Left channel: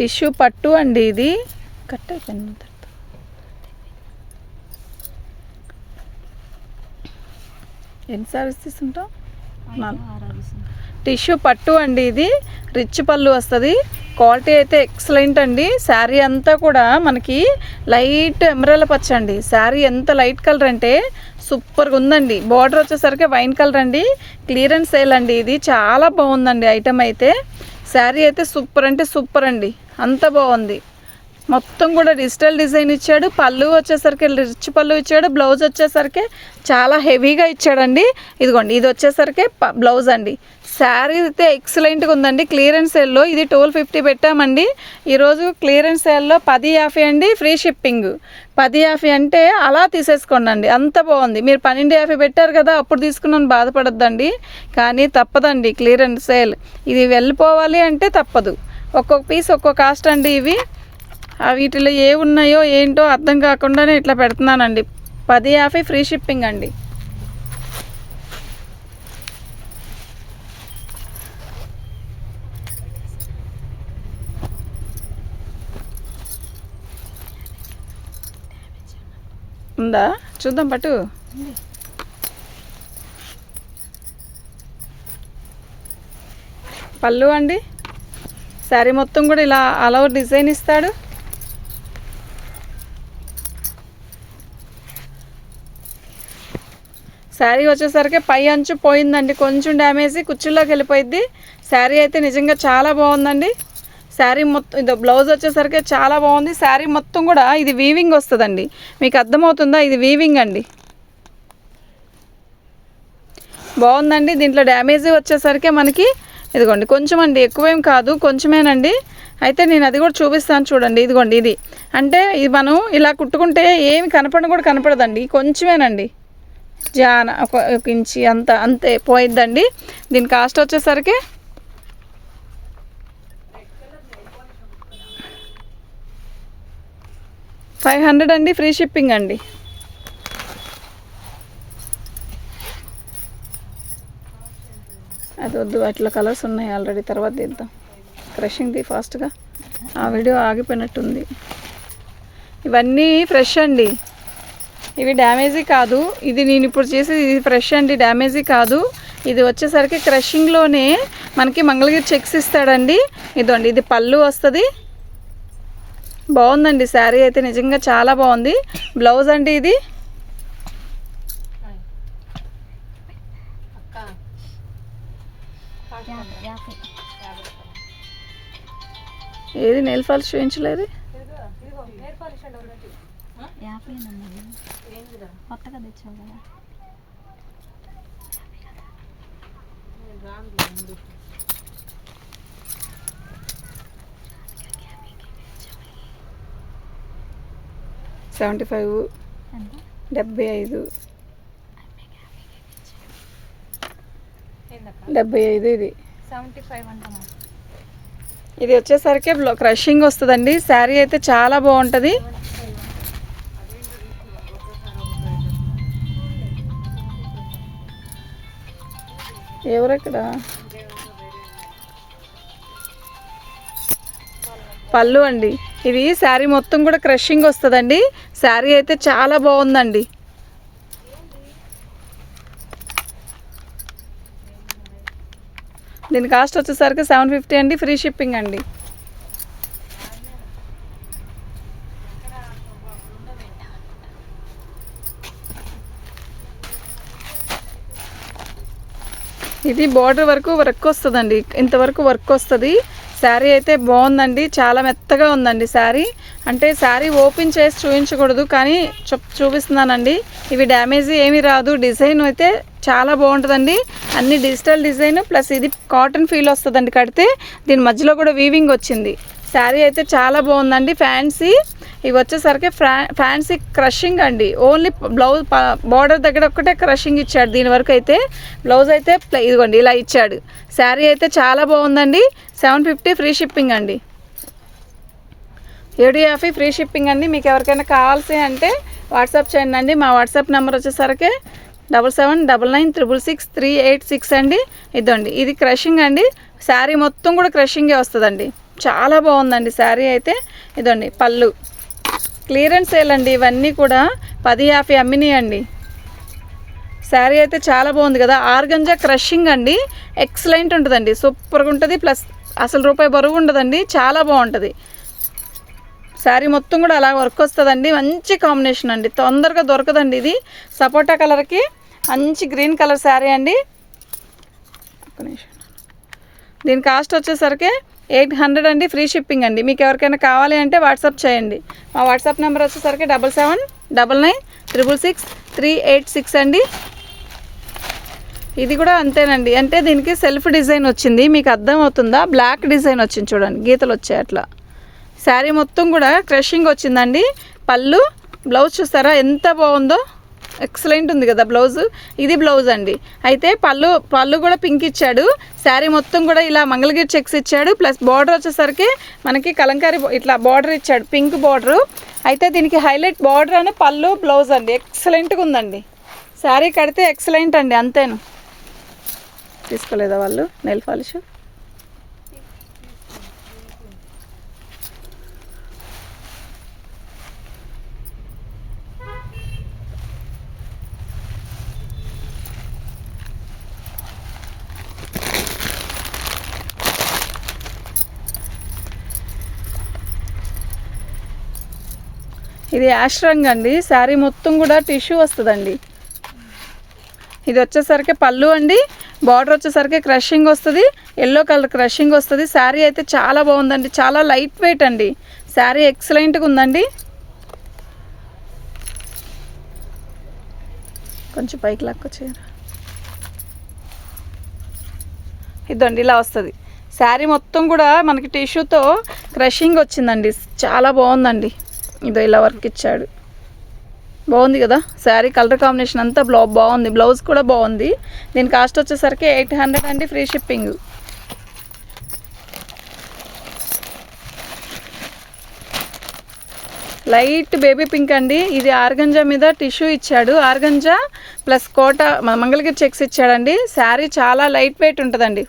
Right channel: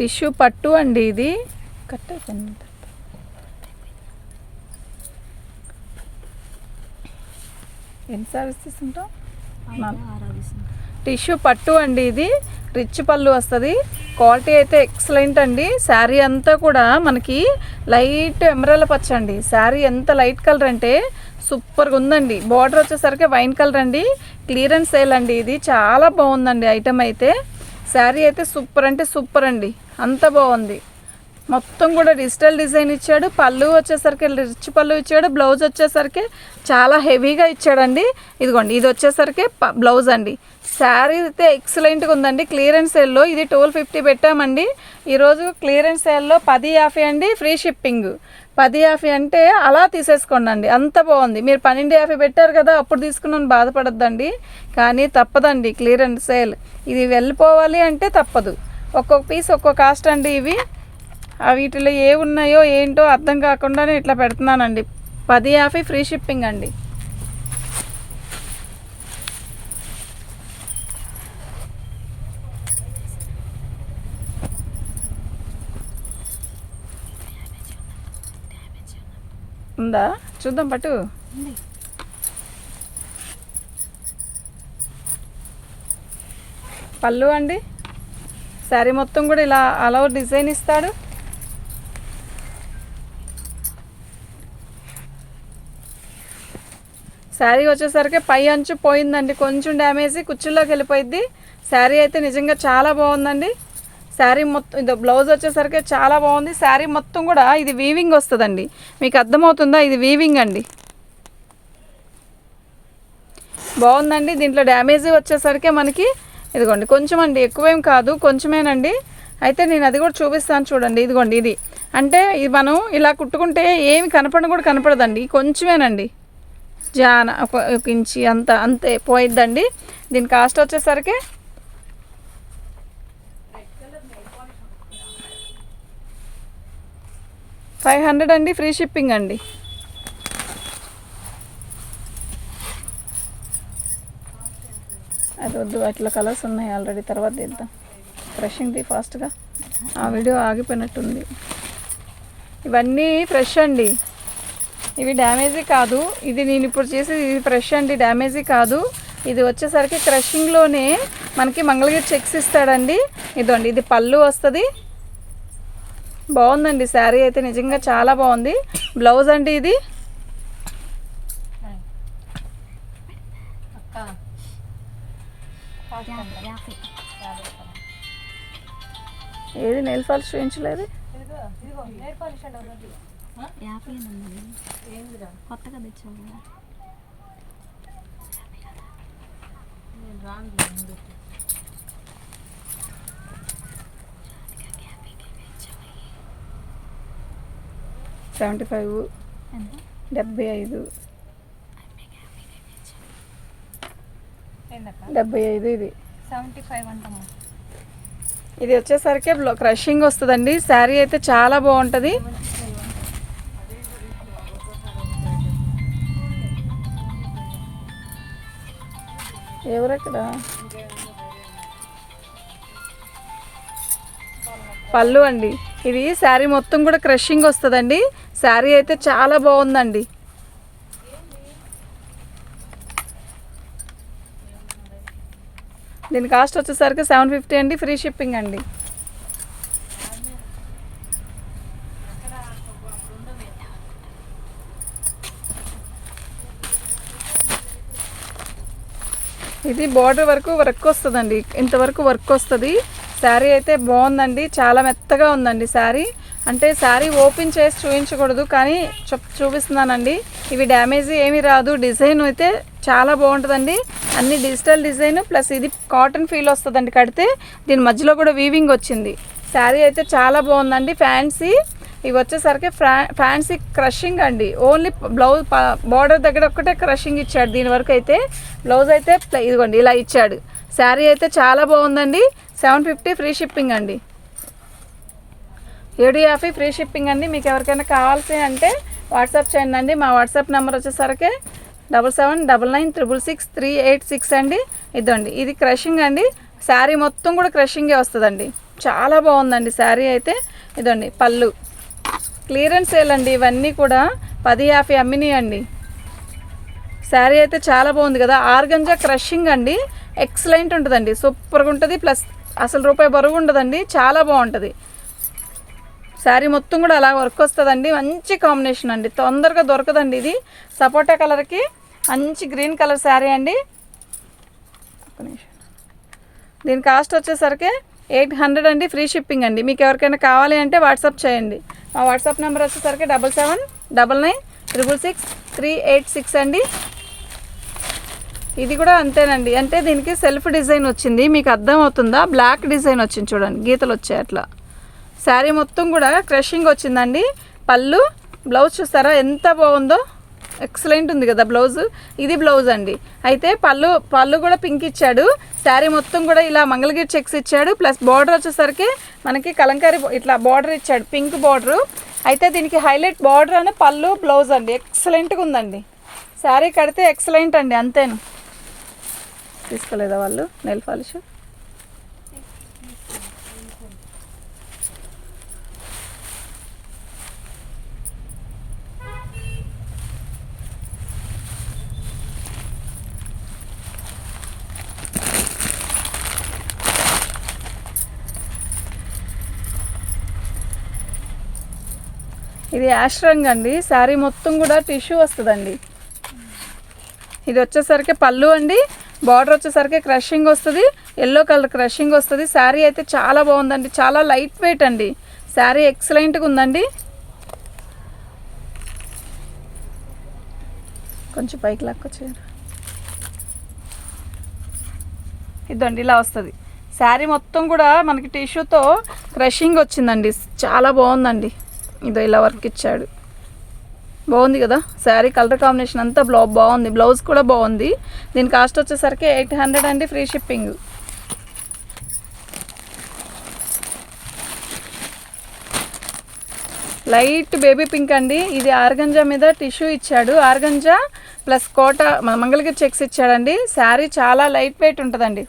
Tissue పట్టు అండి, ఇది కట్ అయిపోయింది. ఎన్ని సారీస్ తీసుకుంటాం? టిష్యూ పట్టు అండి, ఇది రిచ్ పళ్ళు వస్తుంది. క్వాలిటీ అయితే ఎక్సలెంట్ అండి. శారీ అంతా కూడా మనకి లైట్ ఎమరాల్డ్ పచ్చ అండి. శారీ ఎంత లైట్ కలర్ అంటే సూపర్గా ఉందండి. బార్డర్ వచ్చేసరికి వైన్ కలర్ అండి. క్లియరెన్స్ సేల్ అండి, ఇది చాలా బాగుందండి. ఐటమ్ అయితే శారీ అయితే సూపర్ అంటే సూపర్ అండి, అంత బాగుంది. మొత్తం కూడా డిజిటల్ డిజైన్ ఇచ్చాడు. పళ్ళు వచ్చేసరికి రిచ్ పళ్ళు ఇచ్చాడు. బ్లౌజ్ వచ్చేసరికి చాలా హెవీగా ఇచ్చాడండి. ఇదిగోండి, ఇది వచ్చేసరికి బ్లౌజ్ అండి. శారీ అయితే ఎక్సలెంట్గా ఉందండి. క్లియరెన్స్ సేల్లో ఇది 1250 పెట్టామండి. ఈరోజు క్లియరెన్స్ సేల్లో 1050 అండి, ఫ్రీ షిప్పింగ్. 1050 అంటే అలా తీసేసుకోండి అండి, అంత బాగుంది. మీరు 1250 పెట్టారు కదా, అప్పుడు తీసుకున్నాను బాధపడద్దండి. కానీ తప్పదండి, క్లియరెన్స్ సేల్ ఇది వెళ్ళిపోవాలి అంటే తప్పదు. ఒక్కొక్క పీస్ ఒక్కొక్క కాస్ట్ అండి. ఇవి వీటిలో ఏ ఉన్నాయో ఏంటో అర్థం కాకుండానే ఇట్లా పెడుతున్నానండి. 1050 ఫ్రీ షిప్పింగ్ అండి. ఉందా చూద్దాం పట్టు. పళ్ళు అండి, శారీ మొత్తం కూడా ఇలా అలా డిజైన్ ఇస్తాడు. శారీ వచ్చేసరికి పై అంచు పోయిందండి, కొంచెం డ్యామేజ్ కుర్చీలోకి వెళ్ళిపోయింది. శారీ అయితే నిజంగా చాలా బాగుందండి. శారీ మొత్తం ఇది బ్లౌజ్ వచ్చేసరికి చాలా బాగుంది. శారీ మొత్తం కూడా ఇది వీవింగ్ వస్తుందండి, మీకు అర్థమవుతుందా? ఇది వీవింగ్ అండి, బాగుందండి. దీంట్లో డ్యామేజ్ వచ్చేసరికి మనకి ఇదిగోండి కొంచెం అండి, ఎక్కువేం కాదు, కొంచెమేనండి. అయితే నేను అది కూడా చూపిస్తాను చూడండి. ఇదిగోండి, ఇది అంటే ఇది మనం ఇలా కుట్టుకుంటే ఏమి కనపడడం కూడా కనపడదండి, కొంచెమేనండి. జాన ఒక ఇంచి అంత అంతే పోయిద్దండి. దీని కాస్ట్ వచ్చేసరికి 500 అండి, ఫ్రీ షిప్పింగ్ అండి. అది వద్దు, వాటిలో కలర్స్ ఉన్నాయి ఆల్రెడీ, తర్వాత తీద్దాం. క్రషింగ్ది ఫాస్ట్గా, ఆ వీడియో ఆగిపోయినట్టుంది. ఇవన్నీ ఫ్రెష్ అండి, ఇవి డ్యామేజీ కాదు. ఇది నేను ఇప్పుడు చేసేది ఇది ఫ్రెష్ అండి, డ్యామేజీ కాదు. ఇది వచ్చేసరికి క్రషింగ్లోనే మనకి మంగళగిరి చెక్స్ ఇస్తాడండి. ఇదండి, ఇది పళ్ళు వస్తుంది. బాగుందండి శారీ అయితే నిజంగా చాలా బాగుంది. బ్లౌజ్ అండి, ఇది ఏది నెయిల్ పాలిష్ చూపించలేదు. కొత్తగా తెచ్చావు కదా. $75, 75, 75 ఇది 75 అంటామా. ఇది వచ్చేసరికి క్రషింగ్ వస్తుందండి. శారీ అయితే చాలా బాగుంటుంది. ఎవరెక్కడ పళ్ళు అండి, ఇది శారీ మొత్తం కూడా క్రషింగ్ వస్తుందండి. శారీ అయితే చాలా బాగుందండి. దీని కాస్ట్ వచ్చేసరికి 750 అండి, ఫ్రీ షిప్పింగ్ అండి. ఇది బార్డర్ వరకు వర్క్ వస్తుందండి, ఇంతవరకు వర్క్ వస్తుంది. శారీ అయితే బాగుందండి, చాలా మెత్తగా ఉందండి శారీ. అంటే శారీ ఓపెన్ చేసి చూపించకూడదు, కానీ చూపిస్తున్నానండి. ఇవి డ్యామేజ్ ఏమీ రాదు. డిజైన్ అయితే చాలా బాగుంటుందండి, అన్ని డిజిటల్ డిజైన్ ప్లస్ ఇది కాటన్ ఫీల్ వస్తుందండి కడితే. దీని మధ్యలో కూడా వీవింగ్ వచ్చింది. శారీ అయితే చాలా బాగుందండి. ఫ్యాన్సీ ఇవి వచ్చేసరికి ఫ్యాన్సీ క్రషింగ్ అండి. ఓన్లీ బ్లౌజ్ బార్డర్ దగ్గర ఒక్కటే క్రషింగ్ ఇచ్చాడు. దీని వరకు అయితే బ్లౌజ్ అయితే ఇదిగోండి ఇలా ఇచ్చాడు. శారీ అయితే చాలా బాగుందండి. 750 ఫ్రీ షిప్పింగ్ అండి. 750 ఫ్రీ షిప్పింగ్ అండి. మీకు ఎవరికైనా కావాల్సి అంటే వాట్సాప్ చేయండి అండి. మా వాట్సాప్ నెంబర్ వచ్చేసరికి 7799666386 అండి. ఇదండి, ఇది క్రషింగ్ అండి. శారీ మొత్తం కూడా క్రషింగే వస్తుందండి. చాలా బాగుందండి శారీ అయితే. ఇదండి పళ్ళు, క్లియరెన్స్ సేల్ అండి ఇవన్నీ కూడా 10-50 అమ్మినాయండి. శారీ అయితే చాలా బాగుంది కదా. ఆర్గంజా క్రషింగ్ అండి, ఎక్సలెంట్ ఉంటుందండి, సూపర్గా ఉంటుంది. ప్లస్ అసలు రూపాయి బరువు ఉండదండి, చాలా బాగుంటుంది. శారీ మొత్తం కూడా అలా వర్క్ వస్తుందండి. మంచి కాంబినేషన్ అండి, తొందరగా దొరకదండి. ఇది సపోటా కలర్కి మంచి గ్రీన్ కలర్ శారీ అండి. దీని కాస్ట్ వచ్చేసరికి 800 అండి, ఫ్రీ షిప్పింగ్ అండి. మీకు ఎవరికైనా కావాలి అంటే వాట్సాప్ చేయండి. మా వాట్సాప్ నెంబర్ వచ్చేసరికి 7799966386 అండి. ఇది కూడా అంతేనండి. అంటే దీనికి సెల్ఫ్ డిజైన్ వచ్చింది, మీకు అర్థం అవుతుందా? బ్లాక్ డిజైన్ వచ్చింది చూడండి, గీతలు వచ్చాయి అట్లా. శారీ మొత్తం కూడా క్రషింగ్ వచ్చిందండి. పళ్ళు, బ్లౌజ్ చూస్తారా ఎంత బాగుందో, ఎక్సలెంట్ ఉంది కదా బ్లౌజు. ఇది బ్లౌజ్ అండి. అయితే పళ్ళు కూడా పింక్ ఇచ్చాడు. శారీ మొత్తం కూడా ఇలా మంగళగిరి చెక్స్ ఇచ్చాడు. ప్లస్ బార్డర్ వచ్చేసరికి మనకి కలంకారీ ఇట్లా బార్డర్ ఇచ్చాడు, పింక్ బార్డరు. అయితే దీనికి హైలైట్ బార్డర్ అని పళ్ళు, బ్లౌజ్ అండి, ఎక్సలెంట్గా ఉందండి. శారీ కడితే ఎక్సలెంట్ అండి, అంతేను. తీసుకోలేదా వాళ్ళు నెయిల్ పాలిష్? ఇది యాష్ రంగ్ అండి. శారీ మొత్తం కూడా టిష్యూ వస్తుందండి. ఇది వచ్చేసరికి పళ్ళు అండి. బార్డర్ వచ్చేసరికి క్రషింగ్ వస్తుంది, ఎల్లో కలర్ క్రషింగ్ వస్తుంది. శారీ అయితే చాలా బాగుందండి, చాలా లైట్ వెయిట్ అండి. శారీ ఎక్సలెంట్గా ఉందండి. కొంచెం పైకి లాక్కొచ్చేయండి. ఇదండి ఇలా వస్తుంది. శారీ మొత్తం కూడా మనకి టిష్యూతో క్రషింగ్ వచ్చిందండి, చాలా బాగుందండి. ఇదో ఇలా వర్క్ ఇచ్చాడు, బాగుంది కదా. శారీ కలర్ కాంబినేషన్ అంతా బాగుంది, బ్లౌజ్ కూడా బాగుంది. దీని కాస్ట్ వచ్చేసరికి 800 అండి, free shipping. Light baby pink అండి. ఇది ఆర్గంజా మీద టిష్యూ ఇచ్చాడు, ఆర్గంజా ప్లస్ కోట మంగళగిరి చెక్స్ ఇచ్చాడండి. శారీ చాలా లైట్ వెయిట్ ఉంటుందండి.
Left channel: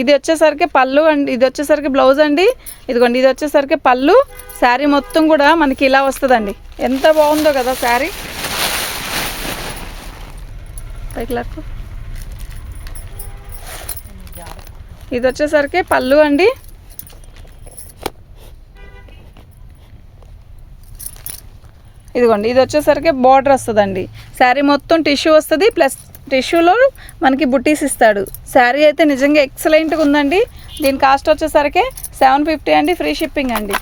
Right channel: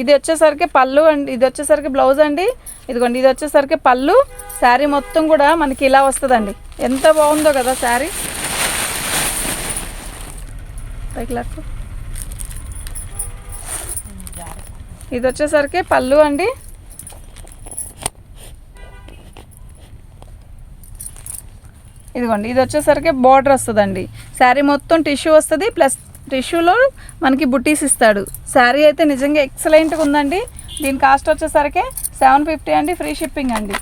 ఇది వచ్చేసరికి పళ్ళు అండి, ఇది వచ్చేసరికి బ్లౌజ్ అండి. ఇదిగోండి, ఇది వచ్చేసరికి పళ్ళు. శారీ మొత్తం కూడా మనకి ఇలా వస్తుందండి, ఎంత బాగుందో కదా శారీ. పైకి లాక్కు. ఇది వచ్చేసరికి పళ్ళు అండి. ఇదిగోండి, ఇది వచ్చేసరికి బార్డర్ వస్తుందండి. శారీ మొత్తం టిష్యూ వస్తుంది, ప్లస్ టిష్యూలో మనకి బుట్టీస్ ఇస్తాడు. శారీ అయితే నిజంగా ఎక్సలెంట్గా ఉందండి. దీని కాస్ట్ వచ్చేసరికి 750 అండి, ఫ్రీ షిప్పింగ్ అండి.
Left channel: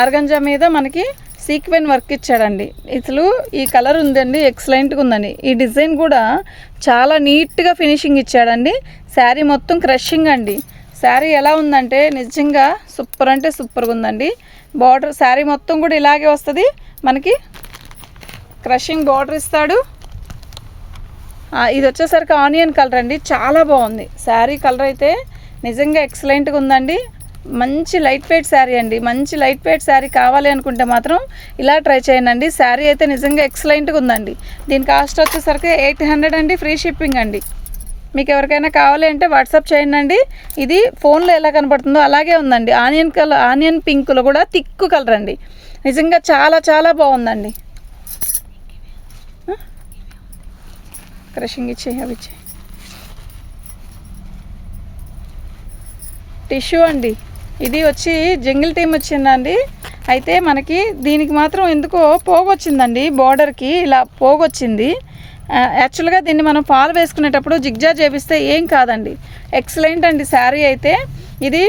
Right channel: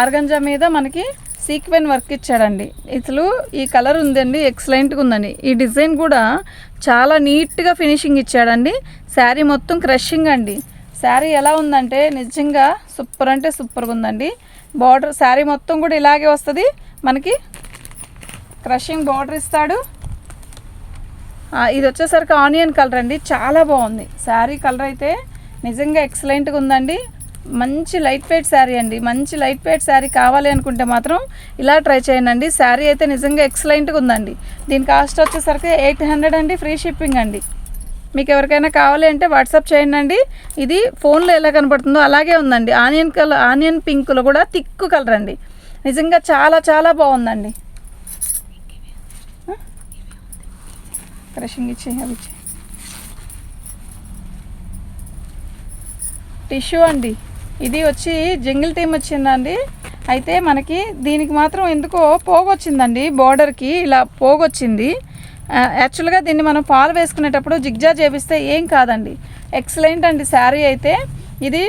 ఆర్గంజా మీద మనకి సీక్వెన్ వర్క్ ఇచ్చాడండి. ఇసలు ఈ కలర్ ఉందండి, ఎక్సలెంట్గా ఉందండి. ఈ డిజైన్ కూడా చాలా నీట్గా ఫినిషింగ్ ఇచ్చాడండి. శారీ మొత్తం క్రషింగ్ అండి. శారీ ఎలా ఉందంటే నిజంగా సూపర్ అంటే సూపర్గా ఉందండి. బార్డర్ శారీ మొత్తం కూడా ఇలాగే వస్తుంది, మనకి క్రషింగ్ బార్డర్ ఇస్తాడు. ఇది వచ్చేసరికి ఆనియన్ కలర్ అండి, చాలా బాగుంది. శారీ కలర్ అయితే నిజంగా ఎక్సలెంట్గా ఉందండి. మంచి లైట్ వెయిట్ శారీ అండి. మంచి లైట్ వెయిట్ శారీ కావాలి అనుకుంటే మాత్రం ఇలా ట్రై చేయండి. శారీ అయితే నిజంగా ఎక్సలెంట్గా ఉందండి. దీని కాస్ట్ వచ్చేసరికి 800 అండి, ఫ్రీ షిప్పింగ్ అండి. మీకు ఎవరికైనా కావాలి అంటే వాట్సాప్ చేయండి. ఇది ఫోన్లో ఎలా కనపడుతుందో అలాగే ఉందండి. ఆనియన్ కలర్, ఆనియన్ పింక్లో కూడా థిక్ కలర్ అండి. నిజంగా చాలా చాలా బాగుందండి. క్రషింగ్ ఇచ్చే అవి ఇచ్చే టిష్యూ అండి. ఇది వచ్చి జంగిల్ టీమ్ వచ్చిందండి. అయితే మనకి దీనికి మాత్రం ఎందుకో పోగొచ్చిందండి, బార్డర్కి ఇలా పోగొచ్చింది. యాక్చువల్గా దీన్ని మనం ఫాల్ వేసుకునేటప్పుడు జిగ్జా చేపిస్తే ఏం కాదండి, ఎక్సలెంట్ అండి. శారీ అయితే ఇది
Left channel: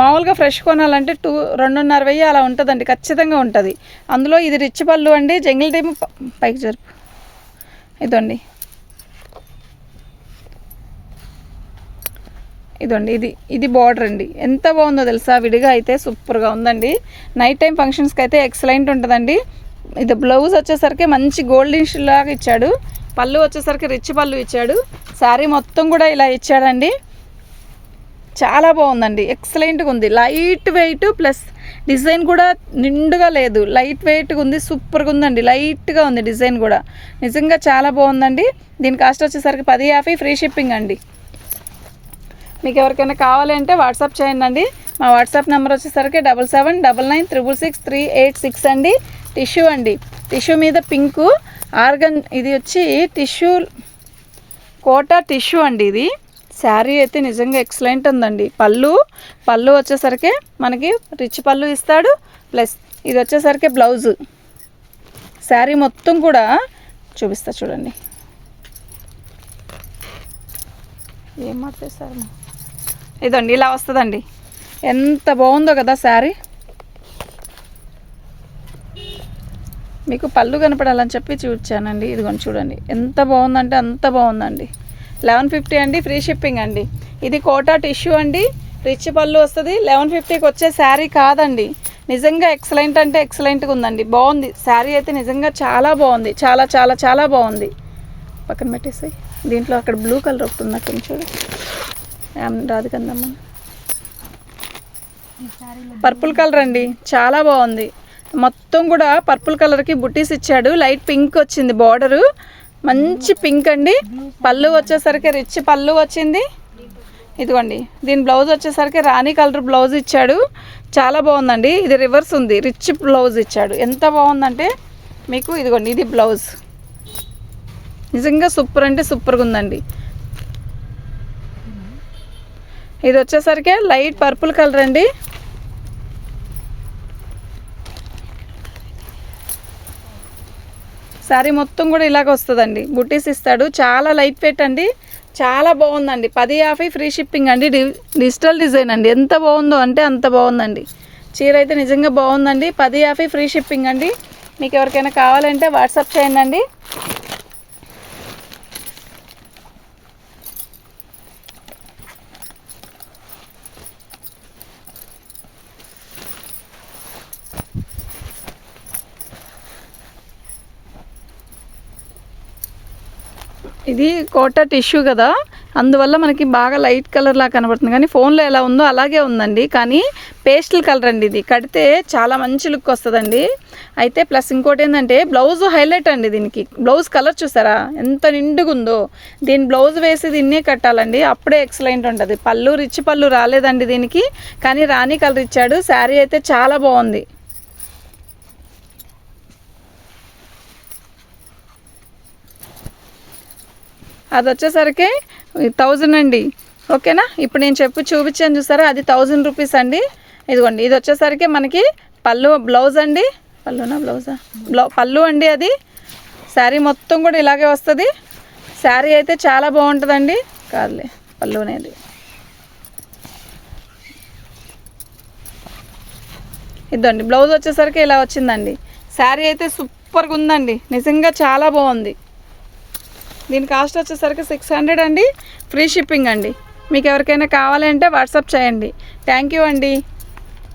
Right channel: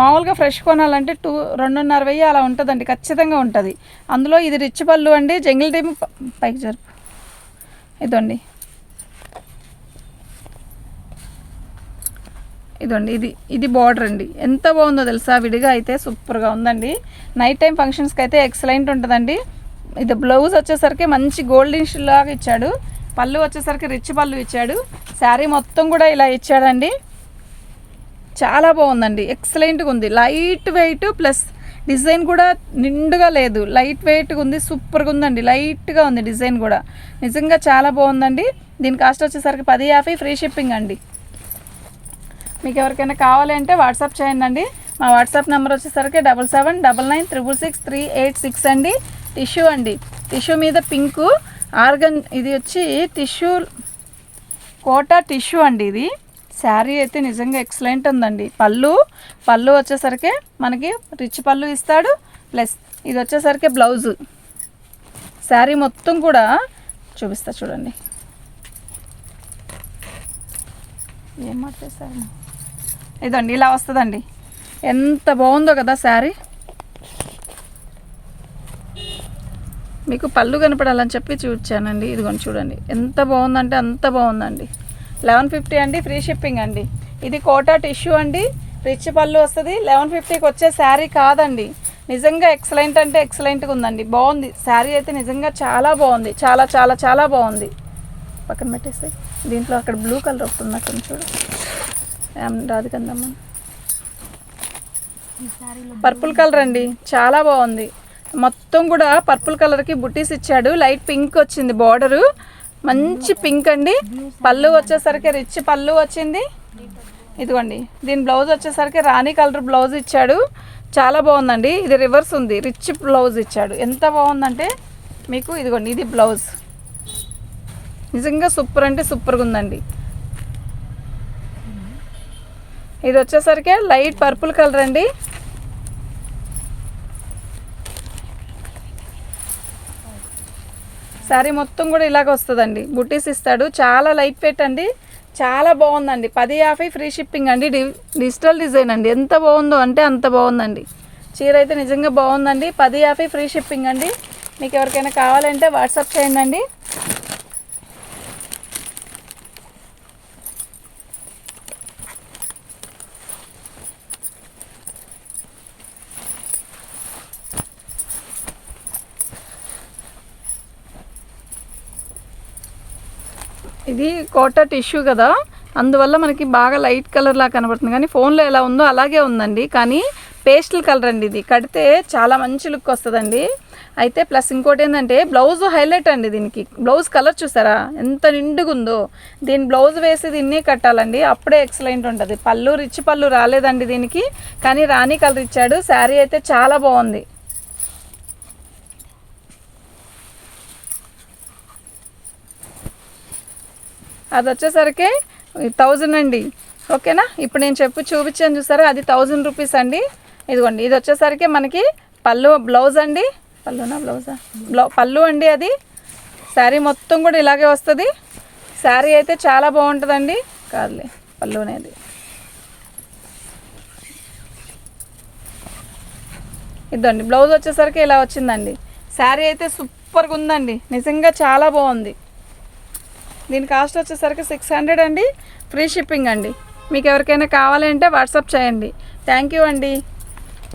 మామూలుగా ఫ్రెష్ కొనాలంటే 2,500 అలా ఉంటుందండి, ఖచ్చితంగా ఉంటుంది. అందులో ఇది రిచ్ పళ్ళు అండి, జంగిల్ టీమ్ పైకి జరుపు. ఇదండి, ఇదండి, ఇది బార్డర్ అండి. ఎంత బాగుందో తెలుసా, విడిగా అయితే సూపర్గా ఉందండి. నైట్ టైం ఫంక్షన్స్కి అయితే ఎక్సలెంట్ ఉంటుందండి. ఇది బ్లౌజ్ వచ్చేసరికి మంచి గోల్డెన్ లాగా ఇచ్చాడు. పళ్ళు వచ్చేసరికి రిచ్ పళ్ళు ఇచ్చాడు. శారీ మొత్తం కూడా ఇలా ఇచ్చాడండి. చాలా బాగుందండి, ఎక్సలెంట్గా ఉంది. లైట్ వెయిట్ ప్లస్ డిజైన్ కూడా నిండుగా లేదు, లైట్ వెయిట్గా ఉంది, సూపర్గా ఉందండి. లైట్గా ఉంది డిజైన్ కూడా, నిజంగా చాలా బాగుందండి. దీని కాస్ట్ వచ్చేసరికి 1050 ఫ్రీ షిప్పింగ్ అండి. మీకు ఎవరికైనా కావాలంటే వాట్సాప్ చేయండి అండి. మా వాట్సాప్ నెంబర్ వచ్చేసరికి 7799666386 అండి. టిష్యూ అండి, టిష్యూ మీద పింకు ఆర్గన్, ఇది వచ్చి టిష్యూ కోటా టిష్యూ అండి. ఇది శారీ అయితే నిజంగా ఎక్సలెంట్ ఉందండి. పళ్ళు వచ్చేసరికి మనకి రిచ్ పళ్ళు ఇస్తాడు, ప్లస్ ఇది వచ్చేసరికి బ్లౌజు. శారీ మొత్తం కూడా చూపిస్తా చూడండి. ఏం మాట్లాడేసారు, ఇదండి ఇలా వస్తుందండి. ఎంత బాగుందో కదా శారీ. మీకు పళ్ళు కనపడాలని చెప్పి చూపించానండి. ఇదిగోండి చూడండి ఎంత బాగుందంటే అంత బాగుందండి. 1150 అండి, ఫ్రీ షిప్పింగ్ అండి. ఇది కోటా టిష్యూ అండి, రిచ్ పళ్ళు వస్తుంది. 1150కి వచ్చే శారీ కాదండి. నిజంగా ఎక్సలెంట్ అంటే ఎక్సలెంట్గా ఉందండి. బాగుంది శారీ అయితే నిజంగా చాలా బాగుంది, చాలా చాలా చాలా బాగుంది. పక్కన పెట్టేసి దీంట్లో అక్కడ బ్లూ కలర్ వస్తుంది కొంచెం చూడు, రాదు కదమ్మా. పర్పుల్ కలర్ అండి, చాలా బాగుంది. మొత్తం కూడా పర్పుల్ కలర్కి బుట్టీస్ ఇచ్చాడు. లైట్ పింక్ వచ్చింది బార్డరు, మంచి పింక్ అండి. పళ్ళు వచ్చేసరికి రిచ్ పళ్ళు వచ్చింది. ఇదిగోండి దీని బ్లౌజ్ వచ్చేసరికి రాణి కలర్ బ్లౌజ్ ఇచ్చాడు, చాలా బాగుందండి. ఇది రివర్స్ ఉంది, రిచ్ బ్లౌజ్ ఇచ్చాడు. ఎంత బాగుందంటే మీకు ఇదిగోండి ఇది బ్లౌజ్, నిజంగా సూపర్ అంటే సూపర్గా ఉందండి. ఇది వచ్చేసరికి లైట్ పర్పుల్ కలర్ అండి. శారీ మొత్తం కూడా ఇలాగ వస్తుందండి, బుట్టీస్ ఇస్తాడు. చాలా లైట్ వెయిట్ అండి, చాలా బాగుందండి. 1050 ఫ్రీ షిప్పింగ్ అండి. డిజిటల్ డిజైన్ అండి, ఎంత బాగుందో అంటే అంత బాగుందండి. చీర అయితే నిజంగా బాగుందండి. 1050 ఫ్రీ షిప్పింగ్ అండి. మీకు ఎవరికైనా కావాలంటే వాట్సాప్ చేయండి అండి. ఇది కోటా టిష్యూ కదా, అందువల్ల మనకి బాగా లైట్ కలర్ లా కనబడుతుంది, కానీ ఫోన్లో ఎలా ఉందో అలాగే ఉందండి. కానీ పేస్టల్ కలర్ అండి, ఇది కడితే చాలా మంచి లుక్ వస్తుందండి. అయితే ప్లస్ ఇంకోటి ఏంటంటే బ్లౌజ్ హైలైట్ అండి. దీనికి బ్లౌజ్ కలర్ చూసారా ఎంత నిండుగా ఉందో. దీని బ్లౌజ్ వేసి దీన్నే కట్టాలండి, అప్పుడే ఎక్సలెంట్ ఉంటుంది. పళ్ళు రిచ్ పళ్ళు రాలేదండి దీనికి, కానీ రాణి కలర్ ఇచ్చాడు. శారీ అయితే చాలా బాగుంది. అది వచ్చేసరికి 1000 అండి, ఓకేనా. ఇప్పుడు నేను చూపించాను చూసారా, అది 1000 రూపీస్ అండి. ఇదిగోండి ఇది వచ్చేసరికి మనకి బ్లౌజ్ అండి, పళ్ళు అండి. అది శారీ మొత్తం కూడా ఇలాగే వస్తుంది. శారీ అయితే చాలా బాగుంటుందండి. కాదులే, పళ్ళు అనేది. ఇదండి బ్లౌజ్ వచ్చేసరికి ఇలా వచ్చిందండి. శారీ అయితే సూపర్గా ఉందండి, నిజంగా చాలా బాగుంది. దీని కాస్ట్ వచ్చేసరికి 600 అండి, ఫ్రీ షిప్పింగ్ అండి. మీకు ఎవరికైనా కావాలంటే వాట్సాప్ చేయండి. థ్యాంక్ యూ అండి.